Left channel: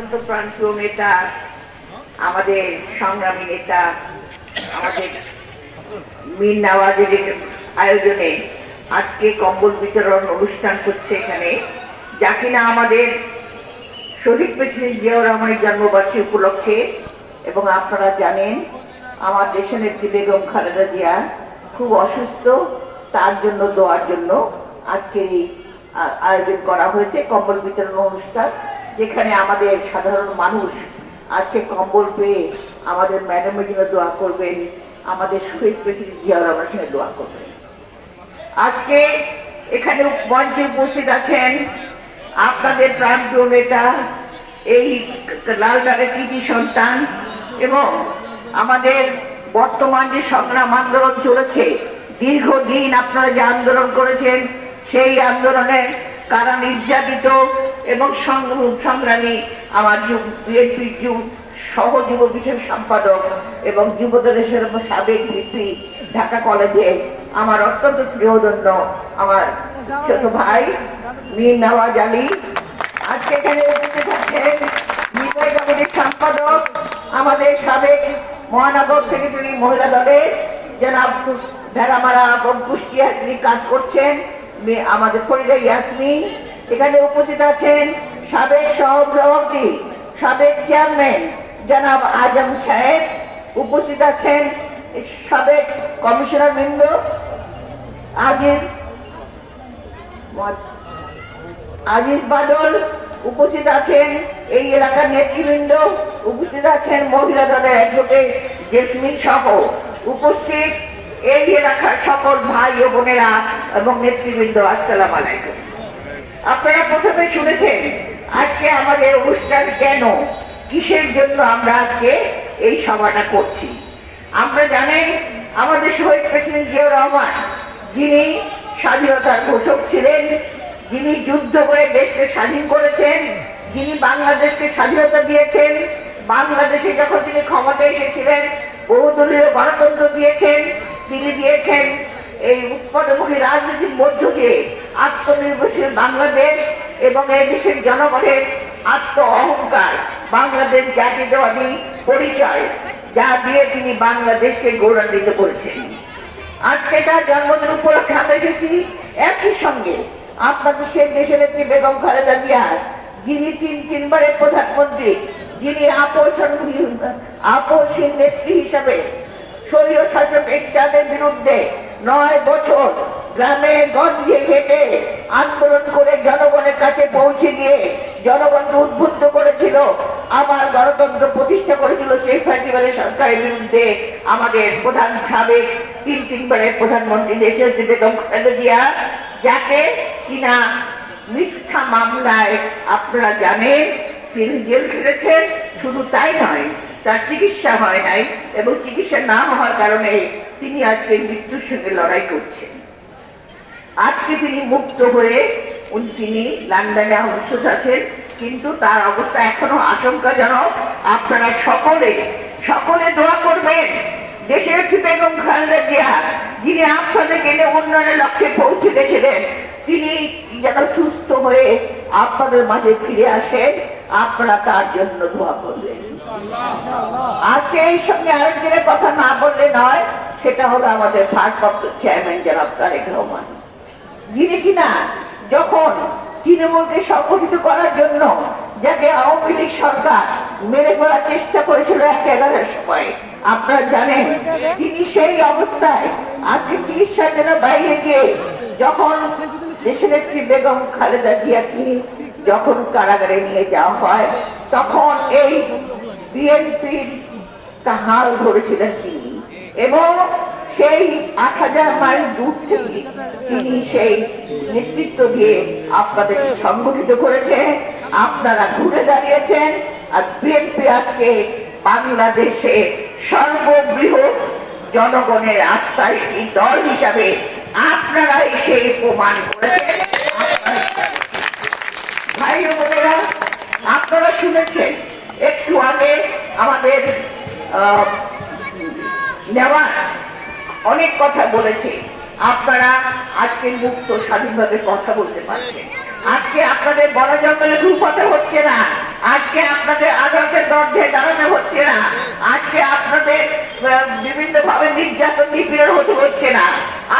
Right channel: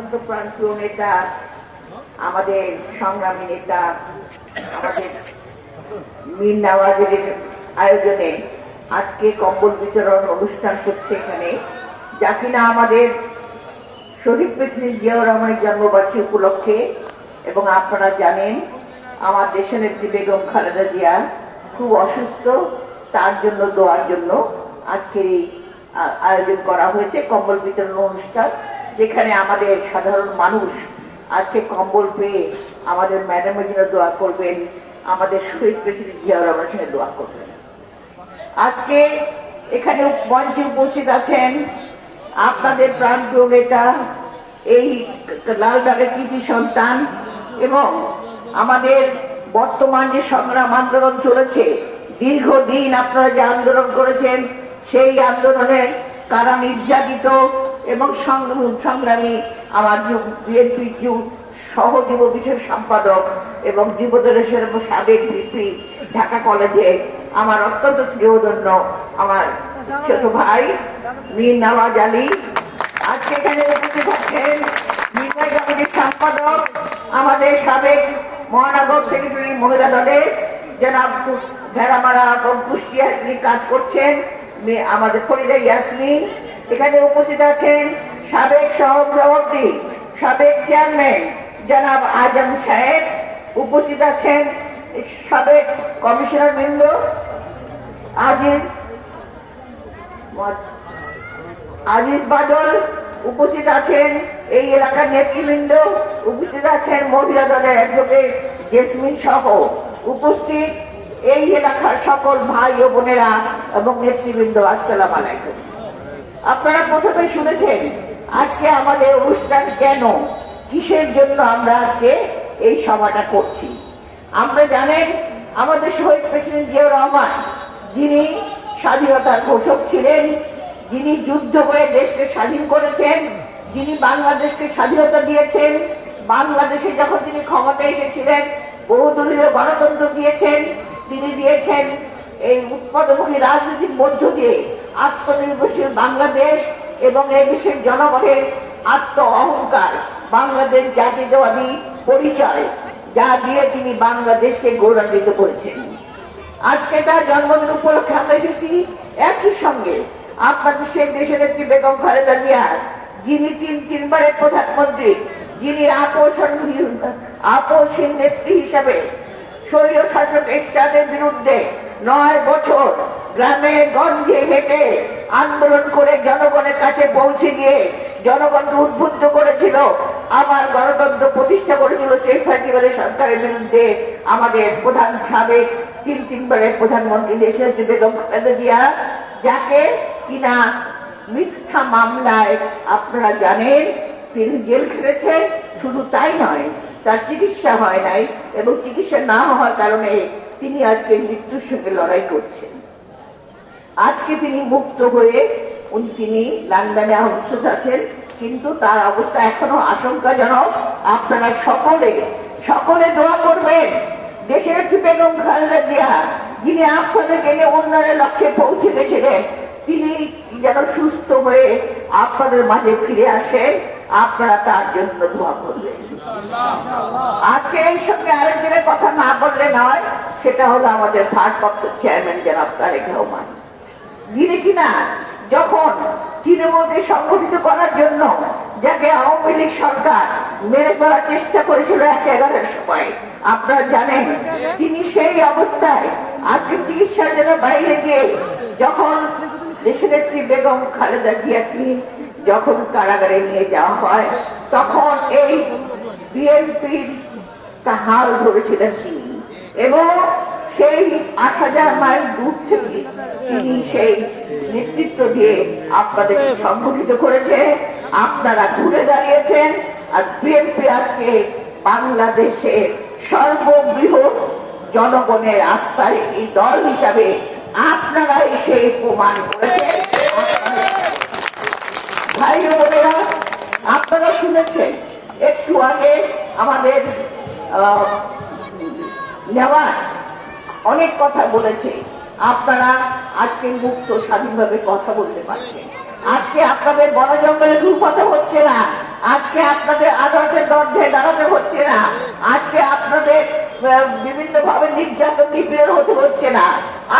অত্যন্ত প্রান্তীয় নেতা, আমাদের সংগ্রামী নেতা, আমাদের মীর নওয়াজের আয়োজনে আজকে কম্বল বিতরণ অনুষ্ঠান করছে এখানে। যা কিনা আমাদের শহীদ প্রেসিডেন্ট জিয়াউর রহমানের জন্মবার্ষিকী উপলক্ষে, এবং আপনারা জানেন আমার দেশের নেত্রী বেগম খালেদা জিয়া খুব অসুস্থ, তার জন্য, দোয়ার জন্য আজকে এই আয়োজন করা হয়েছে কম্বল বিতরণ অনুষ্ঠান। যেখানে আমাদের সাধারণ মানুষ আজকে কম্বল পেয়ে আমাদের ম্যাডামের জন্য দোয়া করবেন, আমাদের শহীদ প্রেসিডেন্ট জিয়াউর রহমানের সঙ্গে দোয়া করবেন। আজকে এখানে মঞ্চে উপস্থিত আছেন আপনাদের প্রান্তীয় নেতা, এই লালবাগের কৃতি সন্তান এবং আমাদের বর্তমান যে সংগ্রাম আন্দোলন চলেছে, দীর্ঘদিন আপনারা যে আন্দোলন করেছেন, সেই আন্দোলনে কারা নির্যাতিত এবং সংগ্রাম- আমার বিএনপির যুগ সহ যুব বিষয় সম্পাদক এবং যুবদলের সাবেক ভিপি ঢাকা কলেজে আমার অত্যন্ত প্রিয়ধন্য আমার ছোট ভাই মীর নওয়াজ আলী। আজকে এখানে উপস্থিত আছেন কমিটির সম্পাদক, আমাদের সাবেক মহানগর সেক্রেটারি মহিলা দলের জনাব ভেড়ামারা এবং কুষ্টিয়া তিনি কাজ করছেন আমাদের ফরিদা ইয়াসমিন। এখানে উপস্থিত আছেন সাবেক সহসভাপতি, সাবেক চেয়ারম্যান জনাব আজম সাহেব। উপস্থিত আছেন সাবেক কমিশনার বৃন্দ, আজিজ আজিজ বাদল। উপস্থিত আছেন এই এলাকার নেতৃবৃন্দ, উপস্থিত আছেন মহিলা দলের অ্যাডভোকেট জেসমিন সহ। উপস্থিত এই এলাকার সকল ভাই ও বোনেরা এবং নেতৃবৃন্দ, আসসালাম আলাইকুম। আপনারা প্রথমে শুনেছেন আজকে আমাদের অনুষ্ঠান কেন? কিসের জন্য আমরা আজকে এই সভাটা করছি? আমরা জানেন, আমাদের শহীদ প্রেসিডেন্ট জিয়াউর রহমান, যিনি স্বাধীনতার ঘোষক ছিলেন, যিনি যুদ্ধ করে দেশকে স্বাধীন করেছেন, যিনি বাংলাদেশকে স্বাধীনতা দিয়েছেন, বাংলাদেশে যখন তিনি ক্ষমতায় এসেছিলেন, বহুদলীয় গণতন্ত্র দিয়েছেন, তিনি দিয়েছেন এই উৎপাদনমুখী রাজনীতির মধ্য দিয়ে। আত্মনির্ভরশীল বাংলাদেশ এবং এই দেশের জনগণের আত্ম অহংকার, বাংলাদেশ জাতিবাদী পরিচয়, যা দিয়ে তিনি বাংলাদেশকে গৌরবান্বিত করেছেন। আজকে তার জন্মদিন উপলক্ষে আমরা এসেছি একই সঙ্গে আপনাদের সেই দেশের একটি বেগম খালেদা জিয়া, যিনি তিন তিনবারের প্রধানমন্ত্রী, যিনি আপোষণ আপোষহীন নেত্রী হিসাবে স্বৈর শাসক এরশাদের বিরুদ্ধে নয় বছর গ্রামে গঞ্জে হেঁটে আন্দোলন করে জনগণের কাছে পৌঁছে গিয়ে জনগণকে উদ্বুদ্ধ করেছিল আমার গণতন্ত্র প্রতিষ্ঠা করেছিল সেই ফ্যাসিবাদের সরকারের বিরুদ্ধে আমাদের প্রধান সাবেক, তিন তিনবারের প্রধানমন্ত্রী দেশের বেগম খালেদা জিয়া, যাকে কিনা মিথ্যা মামলায় আপনারা জানেন, তিনি জেল খেটেছেন শুধু তাই নয় তার চিকিৎসা হয় নাই এবং চিকিৎসা না হওয়ার কারণে তিনি আজকে মৃত্যুর সঙ্গে লড়াই করছেন। আজকে তিনি মুক্ত হয়ে তিনি লন্ডনে অবস্থিত আছেন, কিন্তু তার অবস্থা এখনও আশঙ্কাজনক। আপনারা সকলে সকলে দোয়া করবেন। দেশের বেগম খালেদা জিয়া, যিনি আপনাদের গেলে উন্নয়নের লক্ষ্যে পৌঁছে গেছিলেন, তিনি যেন সুস্থ হয়ে আপনাদের মাঝে ফিরে আসেন, আপনারা তার জন্য দোয়া করবেন। আজকে এই সঙ্গে আরেকজনের কথা না বললে নয়, সেটা হলো আমাদের ভারপ্রাপ্ত চেয়ারম্যান জনাব তারেক রহমান। যিনি কিনা যখন তৃণমূলকে সংগঠিত করার জন্য যাকে আওয়ামী লীগ সরকার মেরে ফেলার চেষ্টা করেছিল এক এগারোর সময়, আপনারা জানেন, তিনি সেই অবস্থায় আজকে চিকিৎসার জন্য বাইরে গিয়ে যখন একটি বেগম খালেদা জিয়াকে যখন কারাগারে নিয়ে যাওয়া হয়, তখন এই বিএনপির হাল ধরেছিলেন তিনি এবং সেই আট হাজার মাইল দূর থেকে তিনি সেই নেতৃত্ব দিয়ে আপনাদের সংগঠিত করেছে আপনারা ঘুরে দাঁড়িয়েছেন, আর বিএনপি আজকে বাংলাদেশে সর্ববৃহৎ জনগণের আস্থায় এই দল হিসাবে আপনারাই সেই প্রমাণ করেছেন। ভাই বোনেরা, আপনারা শুনেছেন একটু আগে আমাদের নেওয়া অনেক কথা বলেছে। আপনারা আজকে মুক্ত স্বাধীনভাবে কথা বলতে পারছেন। আজকে আপনাদের বড় জঙ্গলে কথা হচ্ছে না। আজকে আপনাদের আদালতের দরজায় দাঁড়াতে হচ্ছে না। আজকে আপনাদের বিভিন্ন ভাবে নির্যাতন, নিপীড়ন হতে হচ্ছে না।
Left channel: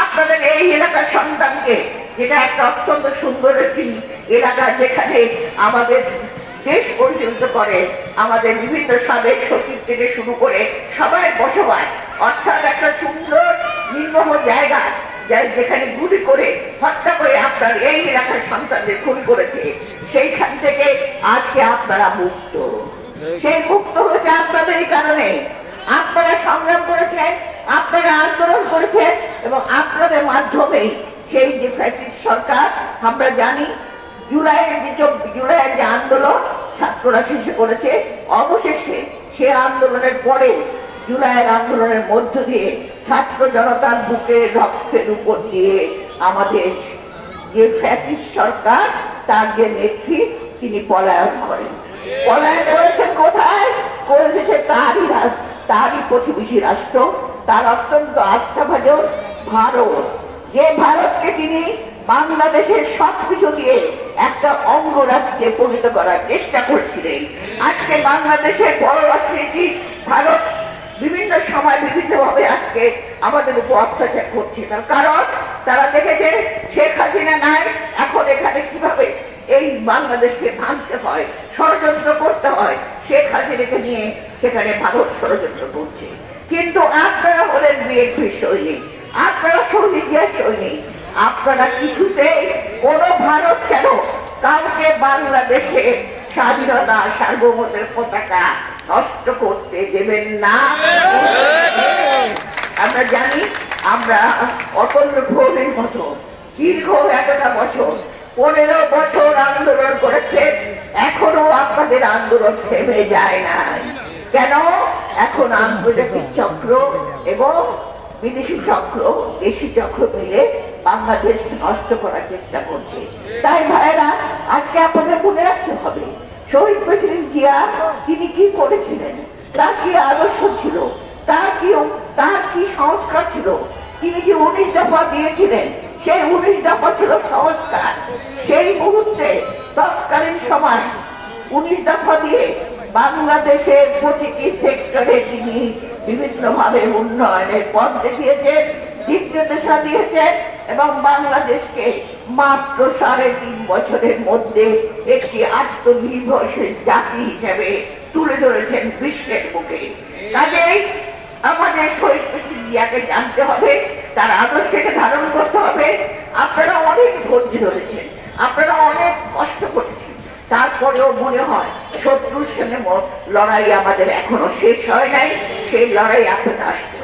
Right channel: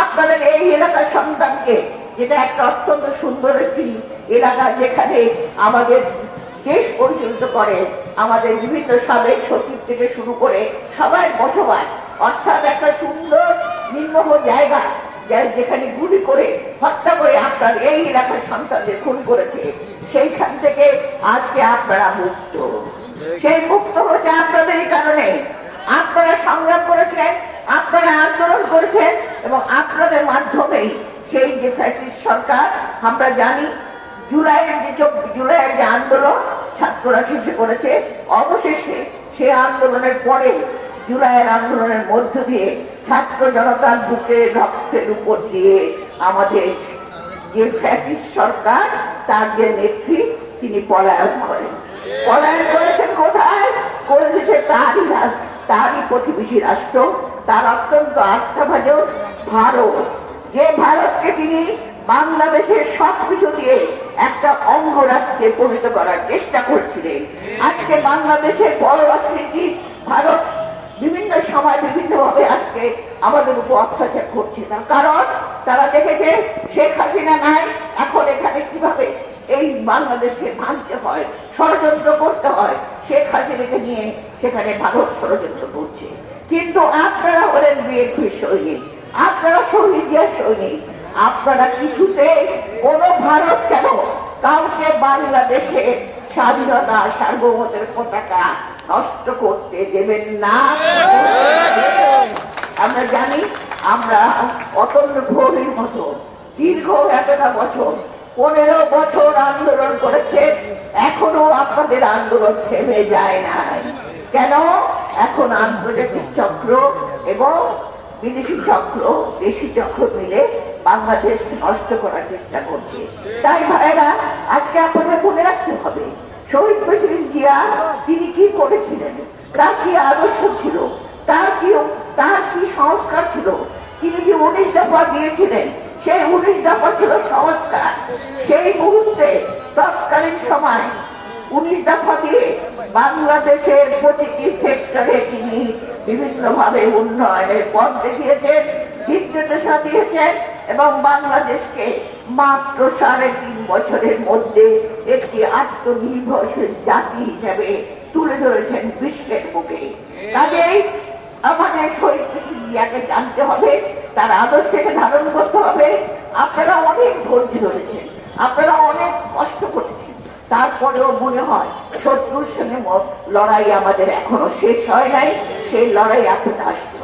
আপনাদের এই এলাকার সন্তানকে, যেটা একটা অত্যন্ত সুন্দর একটি এলাকা যেখানে আমাদের দেশ পরিচালিত করে। আমাদের বিভিন্ন সাবেক সচিব থেকে শুরু করে সবাই বসবাস। অর্থাৎ একটা সুন্দর, নির্মহ জায়গা যেখানে গুলি করে, হত্যা করে আপনার এই এলাকার সন্তানদের খুন করেছে। সেইখান থেকে আজকে আপনারা মুক্ত। সেই মুক্ত হচ্ছে আপনাদের এই কারণে। আপনারা সংগ্রাম করেছেন, আপনারা আন্দোলন করেছেন এবং আপনাদের মাধ্যমেই সেই যে ফ্যাসিস্ট সরকার, আমরা জানি, জুলাইয়ের যে জুলাইয়ের যে আন্দোলন ছাত্ররা শেষে করেছে অবশেষে সে আন্দোলনের পরে জুলাইয়ের আন্দোলনের মধ্য দিয়ে ছাত্র জনতার বুকে রক্তের উপর দিয়ে আমাদের যে ফ্যাসিস্ট সরকার, তার যে নেত্রী, তিনি পলায়ন করেন। পলায়ন করেছেন কোথায়? করে দিয়েছে তারই তারই প্রতিবেশী রাষ্ট্র। তার অত্যন্ত আস্থাভাজন ভারত। যে ভারতকে তিনি বাংলাদেশের সবকিছু দিয়ে একটা অঙ্গরাজ্যে পরিণত করার চেষ্টা করছিলেন। আজকে বাংলাদেশের বড় অর্থনীতি ভারত বিভিন্ন সময় বিভিন্ন ভাবে আজকে আমাদের উপর অত্যাচার করছে। তার কারণ তারা দেখেছে, শেখ হাসিনা নাই, এখন এখানে কীভাবে এই বাংলাদেশকে ভাঙতে হয়, ষড়যন্ত্র করতে হয়, শেখ হাসিনাকে নিয়ে সেখানে ভারত ষড়যন্ত্র করছে। কিন্তু আপনারা হলেন বিএনপি সৈনিক, আপনারা শহীদিয়া সৈনিক, আপনারা কিছুতে কোন ভারত কেন? কাউকে বাংলাদেশে স্বাধীনতা সার্বভৌমত্বের পতাকা নষ্ট করতে দেবেন না। আমরা জানি, আমরা অতন্য ভোরের মতো দীর্ঘ এতটা বছর, পনেরো বছর আন্দোলন করেছে এখনও আপনাদের আন্দোলন থেমে যায় নাই। কেন? এখন আন্তর্জাতিক চক্র এবং বিদেশি চক্র, দেশি চক্র মিলে বাংলাদেশকে নষ্ট করার চেষ্টা করছে। তাই ভাইয়েরা, আজকে আপনাদের মনে রাখতে হবে, শহীদ প্রেসিডেন্ট জিয়া, তিনি কি করেছিলেন? তার কি আদর্শ ছিল? তার কি তার কি সংস্কার ছিল? তিনি যে উনিশ দফা দিয়েছিলেন? সেই উনিশ দফা ছিল সংস্কার। সেই মুহূর্তে, তৎকালীন সময়, উনিশ দফা দিয়ে বাংলাদেশের প্রতিটি সেক্টরে তিনি বিভিন্নভাবে উন্নয়নের পথ দেখিয়েছেন দিক নির্দেশনা দিয়েছেন এবং বাংলাদেশকে মাত্র সাড়ে তিন বছরের মধ্যে একটি আত্মনির্ভরশীল জাতি হিসেবে তুলে ধরেছেন বিশ্বের বুকে। কাজেই আমাদের শহীদ প্রেসিডেন্ট জানতে হবে, তার আদর্শকে ধারণ করতে হবে। আপনারা অনেক ধৈর্য ধরেছেন, আপনারা অনেক কষ্ট করেছেন। তারপরেও মনে হয় শত্রুর সঙ্গে লড়াই আমাদের এখনও শেষ হয় নাই, সেই লড়াই আসতে হবে